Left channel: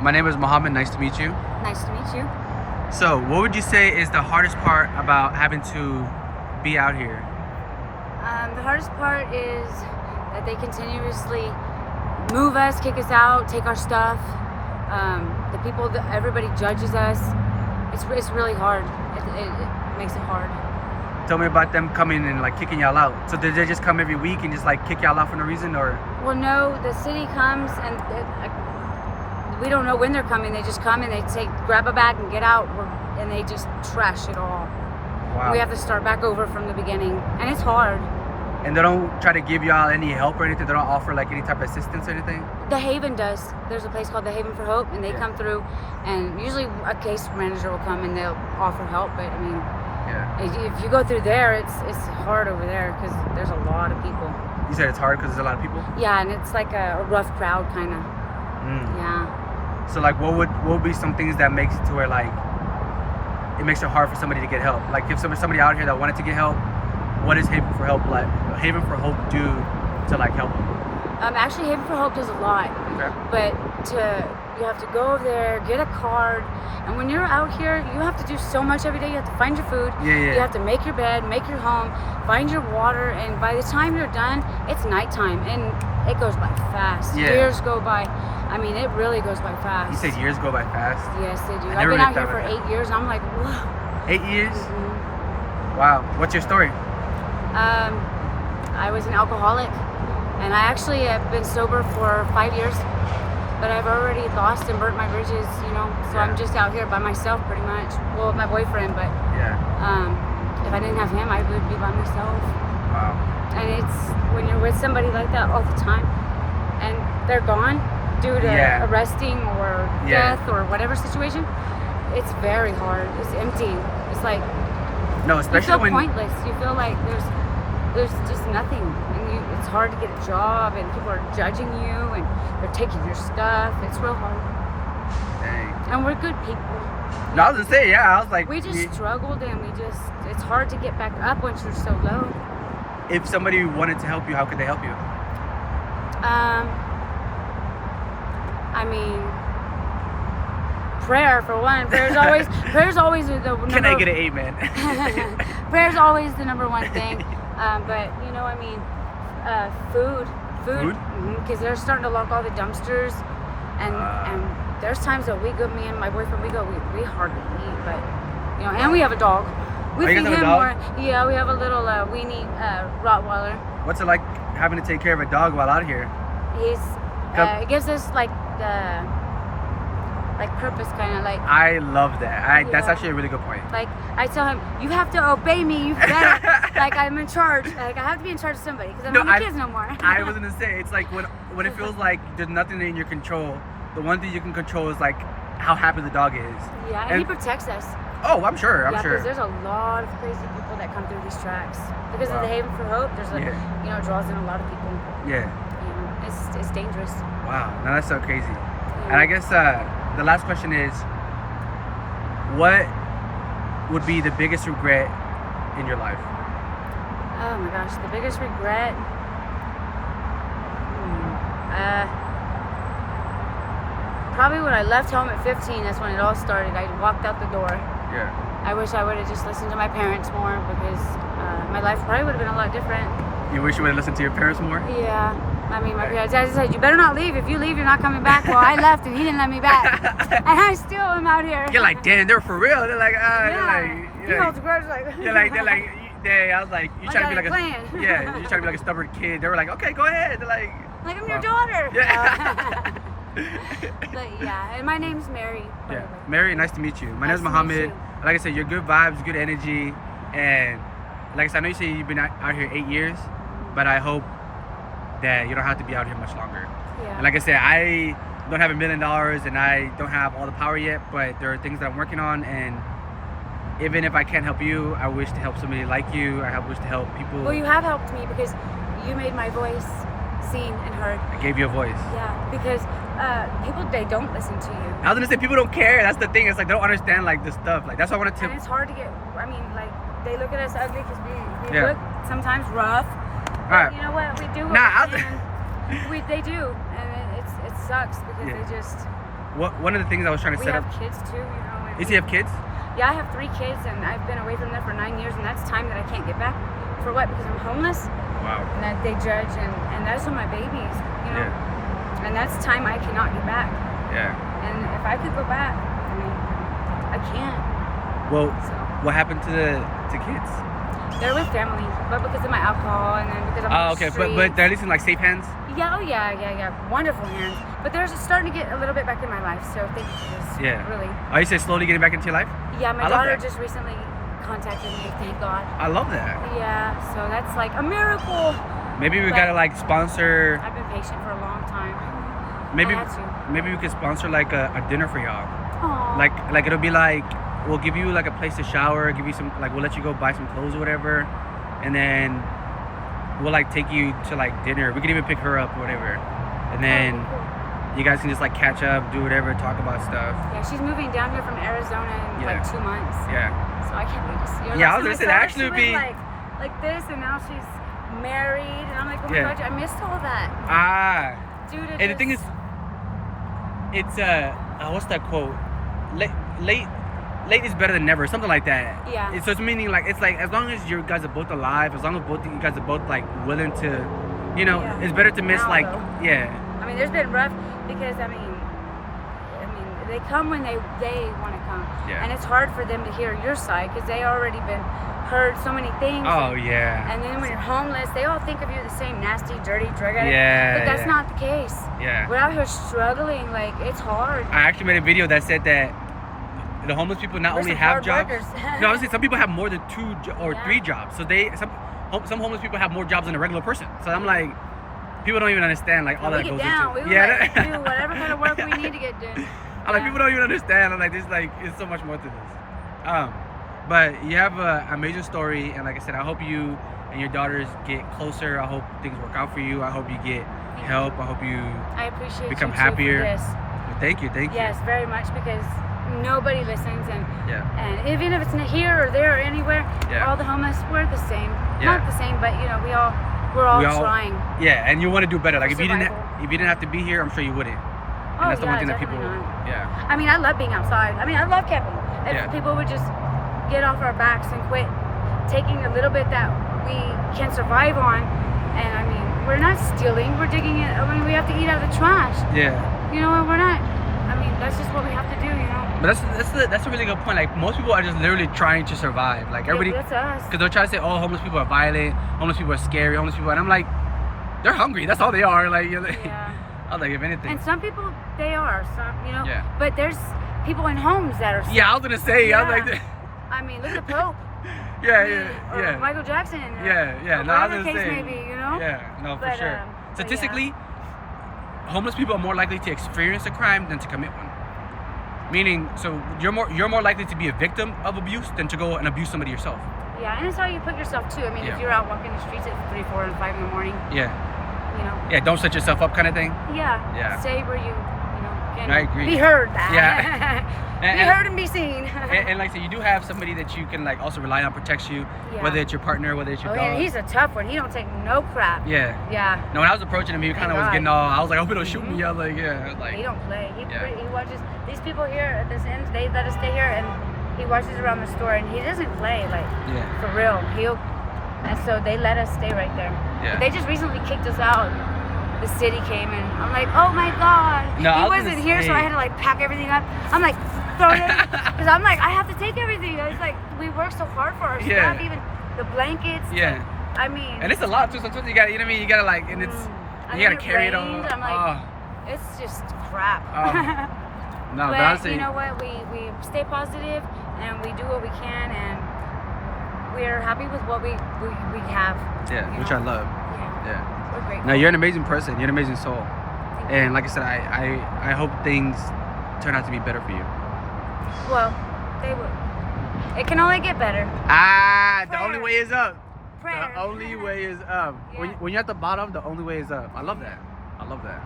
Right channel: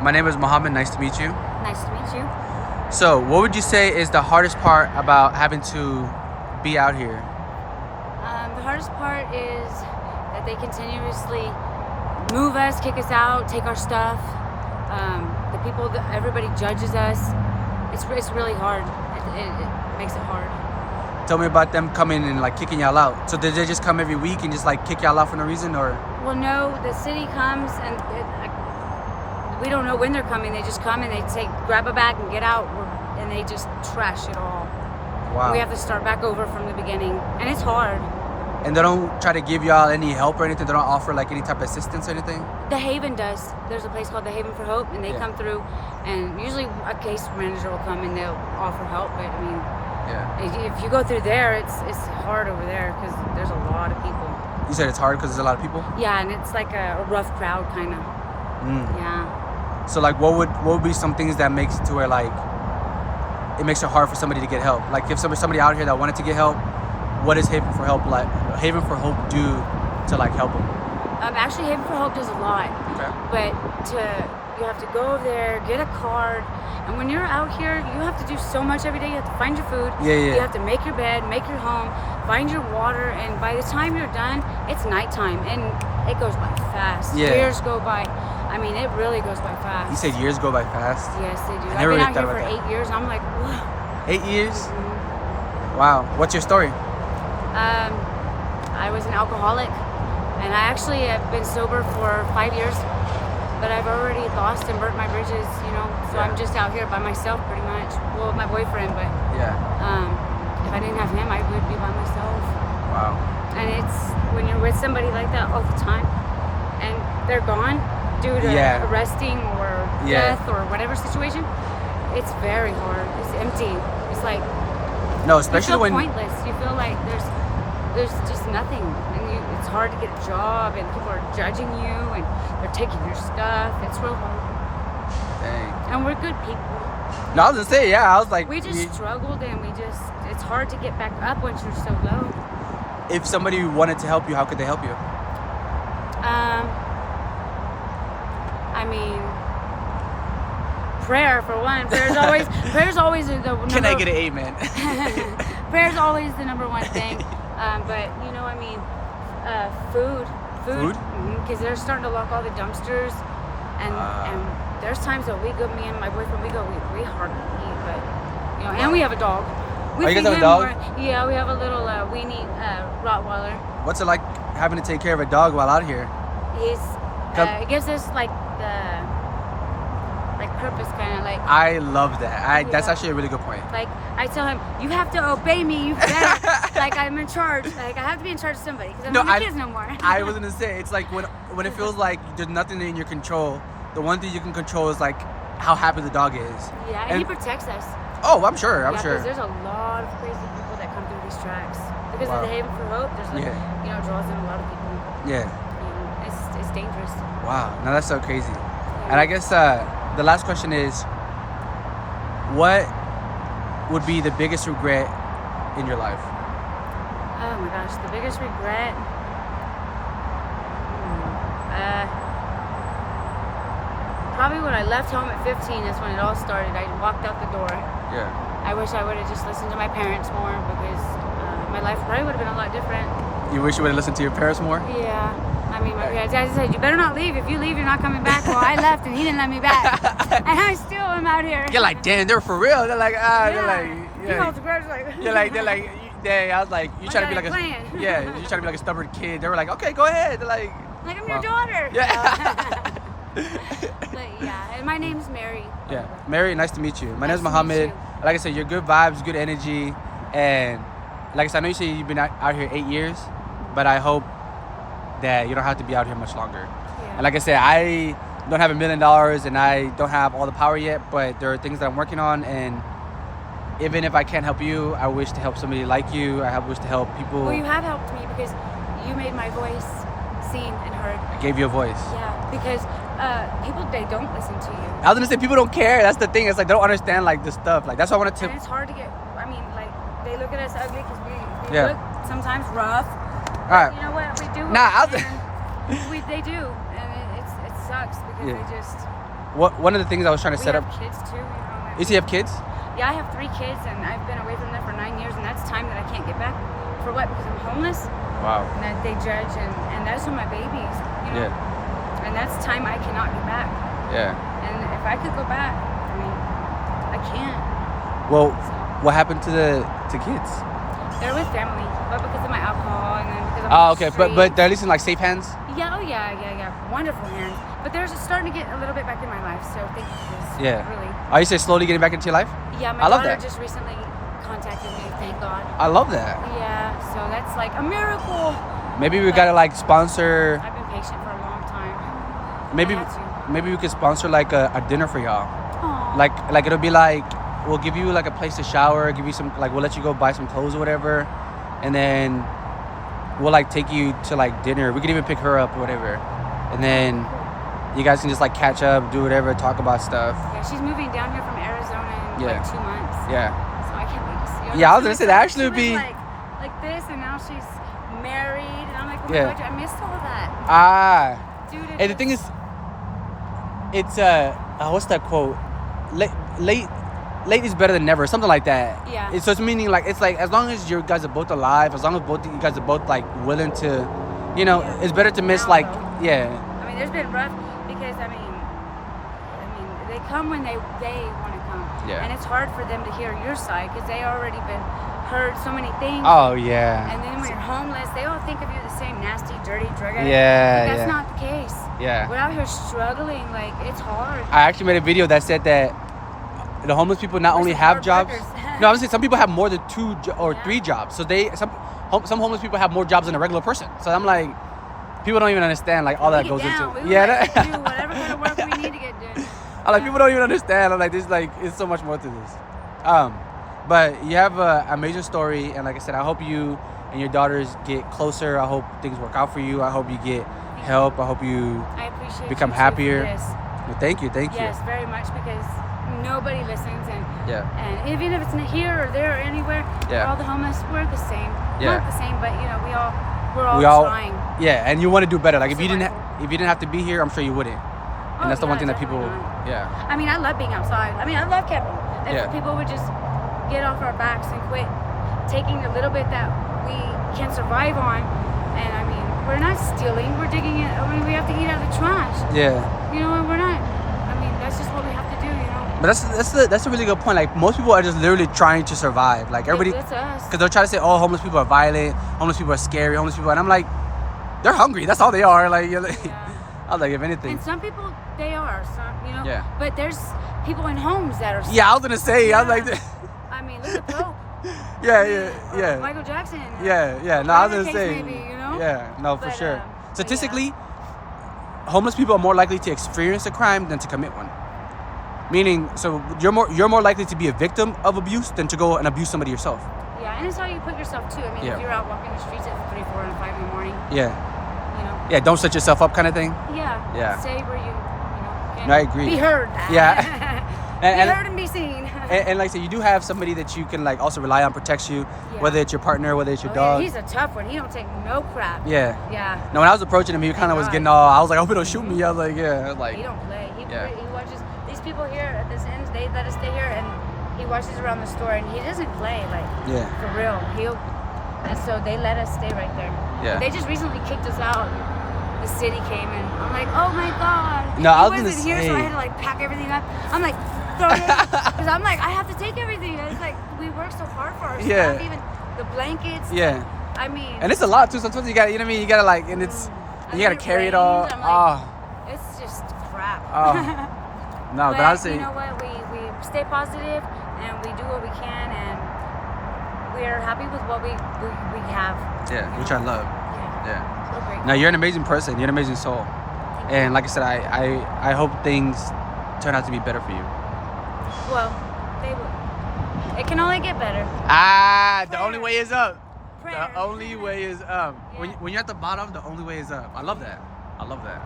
My name is Mohammed. Nice to meet you. Nice to meet you. So, what would you say is the hardest part about having to be out here? The hardest part is that they continuously move us, kick us out, take our stuff. The people, everybody judges us. It's really hard. It makes it hard. Tell me about them coming and like kicking y'all out. So did they just come every week and just like kick y'all out for no reason, or? Well, no, the city comes and we don't know when they're coming. They just come and they grab a bag and get out, and they just trash it all. Wow. We have to start back over from the beginning, and it's hard. And they don't try to give y'all any help or anything? They don't offer like any type of assistance or anything? The Haven does. There's a place called the Haven for Hope, and they come through, and usually a case manager will come and they'll offer help. But I mean, if you go through there, it's hard over there because there's a lot of people. You said it's hard because there's a lot of people? Yeah, and it's like a rough crowd, kind of. Yeah. So like, what would be some things that makes it to where like it makes it hard for somebody to get help? Like if somebody out here that wanted to get help, what does Haven for Hope do to like help them? Actually, Haven for Hope does a lot, but you have to go over there, get a card, and when you're out here, you have to do so much every day. You have to find your food. You have to make your bed, make your home, find your water, and by the time you're done, it's nighttime, and it goes by fast. Years go by. I mean, it really goes by fast. You said years go by fast? Yes, they do. I've been out here for 8 years, and I'm like, whoa. 8 years? Mm-hmm. Wow. What's your story? I was an alcoholic, and I actually have been sober for 5 years, but I've already lost and burnt my bridges, so I'm just out here by myself pretty much. Well, with my boyfriend, but if I didn't have him, I would be by myself. Wow. And it's when you're with somebody like that all the time, and they're gone due to arresting or death or whatever situation, it's very hard. It's empty. It's like, no, especially you feel pointless. You feel like there's just nothing, and it's hard to get a job, and people are judging you, and they're taking your stuff. It's real hard. Dang. And we're good people. No, I was gonna say, I was like, we just struggled, and it's hard to get back up once you're so low. If somebody wanted to help you, how could they help you? I mean, prayer for one. Prayer's always the number. Can I get an amen? Prayer's always the number one thing. But food. Because they're starting to lock all the dumpsters, and there's times that me and my boyfriend, we hardly eat, but and we have a dog. We feed him more. Yeah, we have a little weenie Rottweiler. What's it like having to take care of a dog while out here? It gives us like the purpose, kind of like. I love that. That's actually a really good point. Like I tell him, you have to obey me. You better. Like I'm in charge. Like I have to be in charge of somebody because I don't have kids no more. I was gonna say it's like when it feels like there's nothing in your control. The one thing you can control is like how happy the dog is. Yeah, and he protects us. Oh, I'm sure. Because there's a lot of crazy people that come through these tracks. Because of the Haven for Hope, there's it draws in a lot of people. Yeah. It's dangerous. Wow, no, that's so crazy. And I guess the last question is, what would be the biggest regret in your life? Oh my gosh, the biggest regret? Probably when I left home at 15, that's when it all started. I walked out the door. Yeah. I wish I would have just listened to my parents more, because my life probably would have been a lot different. You wish you would have listened to your parents more? Yeah. I mean, my parents said, you better not leave. If you leave, you're not coming back. Well, I left and he didn't let me back. And I still am out here. You're like, damn, they're for real. They're like, he holds a grudge like. They're like, dang, I was like, you trying to be like you trying to be like a stubborn kid. They were like, okay, go ahead. They're like I'm your daughter. Yeah. But yeah, and my name's Mary. Yeah, Mary, nice to meet you. My name's Mohammed. Like I said, you're good vibes, good energy, and like I said, I know you say you've been out here 8 years, but I hope that you don't have to be out here much longer. Yeah. And like I said, I don't have $1 million and I don't have all the power yet, but there are things that I'm working on, and even if I can't help you, I wish to help somebody like you. I wish to help people. Well, you have helped me because you made my voice seen and heard. I gave you a voice. Yeah, because people, they don't listen to you. I was gonna say, people don't care. That's the thing. It's like they don't understand like this stuff. Like that's why I wanted to. And it's hard to get. I mean, like they look at us ugly because we look sometimes rough. All right. You know what? We do. Nah, they do, and it sucks because they just. one of the things I was trying to set up. We have kids too, you know. You have kids? Yeah, I have 3 kids, and I've been away from them for 9 years, and that's time that I can't get back. For what? Because I'm homeless. Wow. And that they judge, and that's on my babies, you know. Yeah. And that's time I cannot get back. Yeah. And if I could go back, I mean, I can't. Well, So what happened to kids? they're with family, but because of my alcohol, and then because I'm Oh, on the okay, street. but they're at least in like safe hands. Yeah, oh yeah. Wonderful hands. But they're just starting to get a little bit back in my life, so thank you. Just Yeah. really. Are you say slowly getting back into your life? Yeah, my I love daughter that. just recently contacted me, thank God. I love that. Yeah, so that's like a miracle. Maybe we But- gotta like sponsor. I've been patient for a long time. Maybe I had to. maybe we could sponsor like a dinner for y'all. Aw. Like it'll be like we'll give you like a place to shower, give you some like we'll let you go buy some clothes or whatever, and then we'll like take you to like dinner. We could even pick her up or whatever, and then Cool. you guys can just like catch up, do whatever, talk about stuff. Yeah, she's moving down here from Arizona in Yeah. like 2 months. Yeah. So I can't wait to see her. Yeah, I was Like, gonna say she that was- actually she would was be- like this, and now she's married, and I'm like, oh my Yeah. God, I missed all that, Ah. dude. And the thing is, it's what's that quote? Late is better than never, something like that. Yeah. So it's meaning like it's like as long as you guys are both alive, as long as both you guys are both like willing to, you know, Yeah. it's better to miss Now, like though. yeah. I mean, there's been rough because I mean, they come when they want to come, Yeah. and it's hard for them to hear your side because they already been heard so many things. Oh yeah. And then when you're homeless, they all think of you the same nasty, dirty drug addict. Yeah, But that's yeah. not the case. Yeah. We're out here struggling. Like, it's hard. I actually made a video that said that the homeless people not We're only some have hard jobs. workers. No, I'm saying some people have more than 2 or Yeah. 3 jobs. So some homeless people have more jobs than a regular person. So I'm like, people don't even understand like all we that get goes down. into. We Yeah. like, do whatever kind of work we need to get done. I'm like, Yeah. people don't even understand. I'm like, there's like, it's so much more to this. But you have an amazing story, and like I said, I hope you and your daughters get closer. I hope things work out for you. I hope you get Thank help. you. I hope you I appreciate become you too happier. For this. Thank you. Yes, very much, because nobody listens, and Yeah. and even if it's not here or there or anywhere, Yeah. all the homeless, we're the same. Yeah. Not the same, but you know, we're all We all- trying. Yeah, and you want to do better. Like if you Survival. didn't have to be here, I'm sure you wouldn't. And Oh, that's the yeah, one thing that people. definitely not. Yeah. I mean, I love being outside. I mean, I love camping. If Yeah. people would just get off our backs and quit taking the little bit that we can survive on, and I mean, we're not stealing. We're digging it. I mean, we have to eat out of the trash. Yeah. You know, and we're not. I mean, that's just what we have to do. You know. But that's a really good point. Like most people are just literally trying to survive. Like everybody, That's us. because they'll try to say, oh, homeless people are violent, homeless people are scary, homeless people, and I'm like, they're hungry. That's all they are. Like, you're like Yeah. I was like, if anything. And some people, they are. Some, you know. Yeah. But there's people in homes that are. Yeah, I was gonna say. I was Yeah. like, I mean, look at Pope. yeah, Or yeah. Michael Jackson. or Yeah. No, I was whatever gonna case say. may be, you know? Yeah, no, for But, sure. but Statistically, homeless people are more likely to experience a crime than to commit one. Meaning, so you're more likely to be a victim of abuse than to go and abuse somebody yourself. Yeah, and it's how you put yourself too. I mean, Yeah. if you're out walking the streets at 3, 4, and 5 in the morning, Yeah. you know. Yeah, don't set yourself up, kind of thing. Yeah. Yeah. Say where you know, can I agree. be heard. Yeah. be And- heard and be seen. And like I said, you do have somebody that you can like also rely on, protects you, Yeah. whether it's your partner, whether it's your Oh, dog. yeah, he's a tough one. He don't take no crap. Yeah. Yeah. No, when I was approaching him, he kind of was God. getting all. I was like, I hope he don't shoot me. I was like, yeah. I was like, He don't play. Yeah. He watches these people here at this end. They let us stay here, and he watches around the store, and he doesn't play like yeah. for real. And so they let us stay right there. Yeah. They just recently kicked us out. The city came, and I'm like, oh my God. No, I He was gonna wasn't here, so say- I had to like pack everything up. I'm like, throw it, because I'm like, I have to take everything. It's like we work so hard for our Yeah. stuff, even the blankets. Yeah. I mean, And it's a lot too. Sometimes you gotta, you know what I mean? You gotta like, and it's and you gotta when it carry it all. rains, I'm like, Oh, it's just crap. Oh. no, but I was But saying, you know what? We stay positive, and we do what we can, and we're happy with what we have. yeah, you which know? I love. Yeah. Yeah. We're great. No, you're an amazing person. You're an amazing soul. Thank you. And like I said, I hope things turn out to be better for you. Well, they would. It can only get better. Ah, the Prayer. only way is up. Prayer. The only way is up. Yeah. When you're at the bottom, the only way is up. I love that. I love that.